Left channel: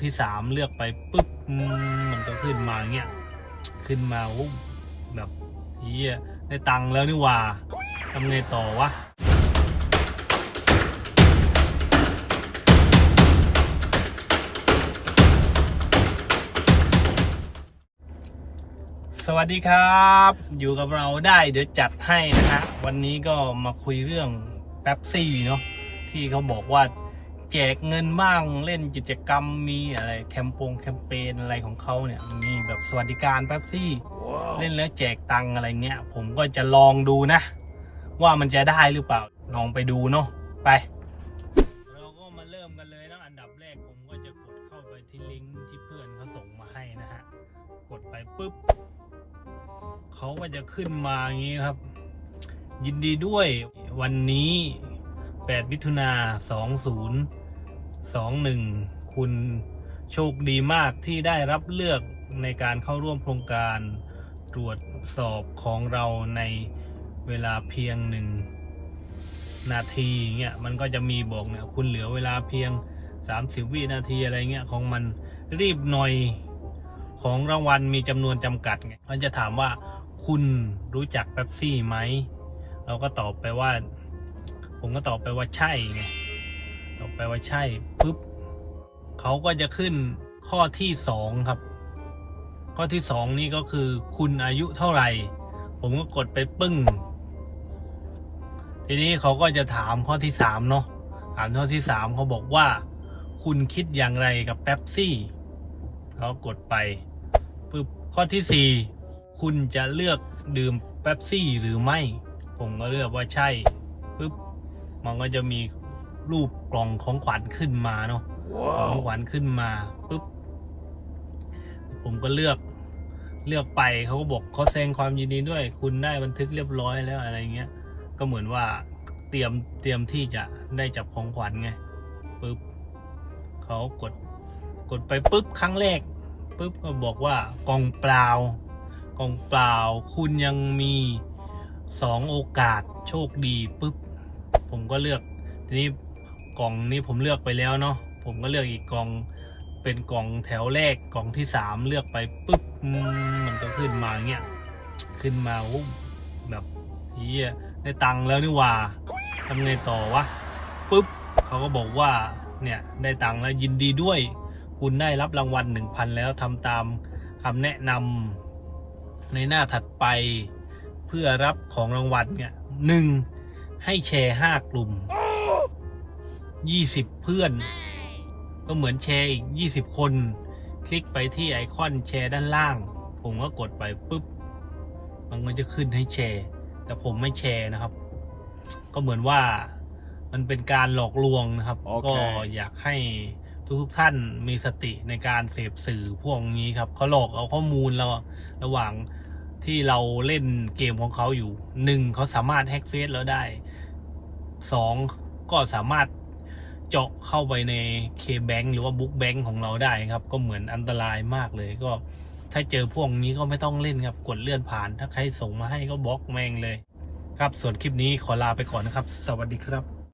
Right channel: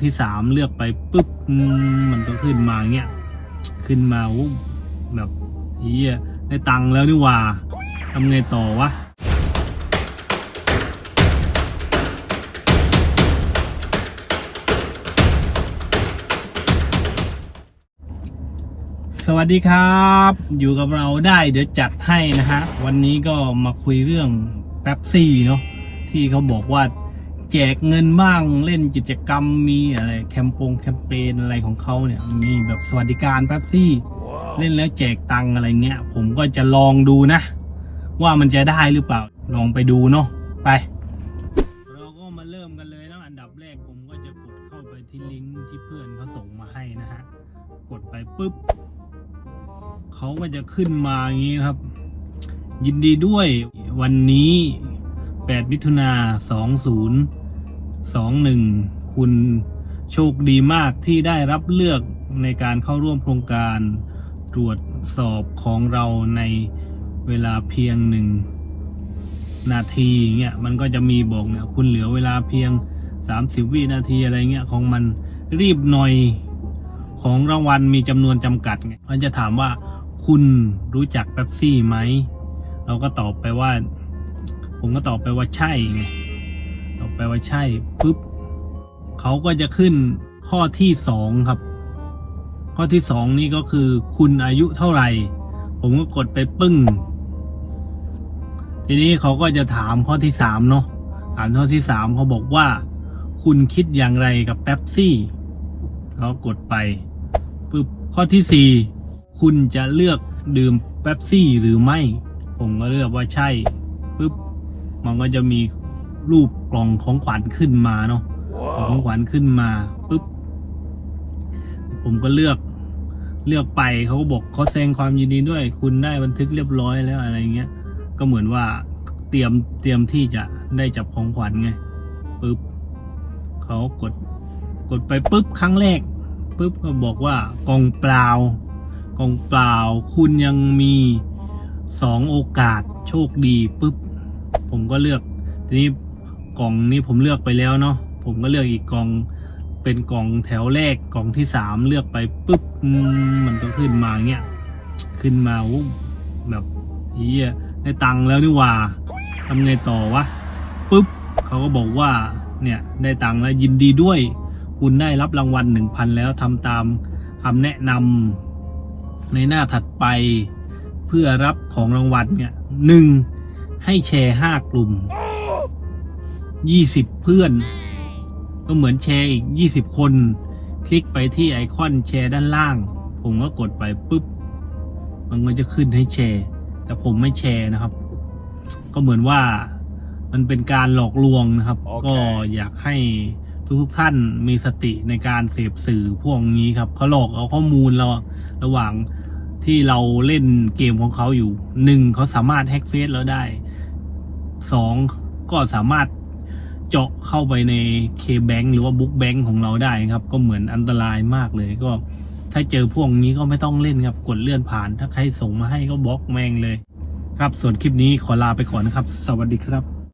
ที่สามเลือกไปปุ๊บมันก็ขึ้นมาเงี้ยขึ้นมาวู้แบบเฮียได้ตังค์แล้วนี่ว่าทำไงต่อวะสวัสดีครับ อยู่กับเราได้เดี๋ยวจัดให้นะฮะ วันนี้ก็มาคุยเรื่องแป๊บซี่เนาะที่เขาบอกว่า แจกเงินบ้างเล่นกิจกรรมมีอะไรแคมปงแคมเปญอะไรของเขาเนี่ยมีแบบสวัสดิการแป๊บซี่เล่นแล้วแจกตังค์อะไรเงี้ย ผมก็จะลองดูนะ ว่ามันจะได้หรือเปล่าลองไปดูเนาะไป เราก็มาเริ่มกันเลยนะอันดับแรกผมก็จะกดเข้าไปที่ลิงก์ที่เพื่อนเขาส่งมาให้นะฮะกดไปปุ๊บเขาก็จะขึ้นมาอย่างนี้ครับ ยินดีด้วยวันนี้8มิถุนา20 21 คุณโชคดีมากที่ได้รับเลือกในการเข้าร่วมโครงการตรวจสอบของเราในเวลาเพียงหนึ่งนาทีเงี้ยมันก็จะมีบอกเนี่ยคุณเหลือเวลาเพียง 30 วินาทีอะไรเงี้ยของมันรีบหน่อยของรางวัลมีจำนวนจำกัดไงมันจะถามว่าคุณรู้จักเป๊ปซี่ไหม เราก็ตอบไปว่า ผมก็ตอบไปว่าใช่ไง ว่าใช่ปุ๊บเขาก็จะขึ้นข้อที่สองครับ ข้อที่สองนี่ก็คือคุณอายุเท่าไหร่ ผมก็กดไปปึ้ง ทีนี้เขาก็จะถามข้อที่สามเนาะถามข้อที่สามเขาบอกว่า คุณคิดอย่างไรกับเป๊ปซี่เขากดไปปุ๊บข้อที่สี่คุณจะเลือกดื่มเป๊ปซี่หรือไม่ ผมก็เลือกว่าใช่ปุ๊บมันก็จะมี รูปกล่องของขวัญขึ้นมาเนาะของขวัญขึ้นมาปุ๊บผมก็เลือกเลือกไปเขาก็บอกเขาแสดงความยินดีด้วย คุณได้บันทึกเรียบร้อยแล้วอะไรเงี้ย ก็เหมือนว่าเตรียมเตรียมที่จะได้จับของขวัญไงปุ๊บเขาก็กดกดไปปุ๊บครั้งแรกปุ๊บก็บอกว่ากล่องเปล่ากล่องเปล่า คุณยังมีสองโอกาสโชคดีปุ๊บผมก็เลือกทีนี้ กล่องนี้ผมเลือกไปแล้วเนาะผมก็เลือกอีกกล่องเป็นกล่องแถวแรกกล่องที่สามเลือกไปปุ๊บมันก็ขึ้นมาเงี้ยขึ้นมาวู้แบบเฮียได้ตังค์แล้วนี่ว่าทำไงต่อวะปุ๊บเขาก็บอกว่าเนี่ยได้ตังค์แล้วยินดีด้วย คุณได้รับรางวัลหนึ่งพันแล้วทำตามคำแนะนำในหน้าถัดไปเพื่อรับของรางวัลเนี่ยหนึ่งให้แชร์ห้ากลุ่ม ยี่สิบเพื่อน ก็เหมือนแชร์อีกยี่สิบคน คลิกไปที่ไอคอนแชร์ด้านล่าง ผมก็กดไปปุ๊บ มันก็จะขึ้นให้แชร์ แต่ผมไม่แชร์นะครับ ก็เหมือนว่ามันเป็นการหลอกลวงนะครับโอเคก็อยากให้ทุกๆท่านมีสติในการเสพสื่อพวกนี้ครับเขาหลอกเอาข้อมูลเราระหว่างที่เราเล่นเกมของเขาอยู่หนึ่งเขาสามารถแฮ็กเฟซเราได้สองก็สามารถ เจาะเข้าไปในเคแบงหรือว่าบุ๊กแบงของเราได้ครับ ก็เหมือนอันตรายมากเลยก็ถ้าเจอพวกนี้ก็ไม่ต้องเล่นครับกดเลื่อนผ่าน ถ้าใครส่งมาให้ก็บล็อกแมงเลย ครับส่วนคลิปนี้ขอลาไปก่อนนะครับ สวัสดีครับ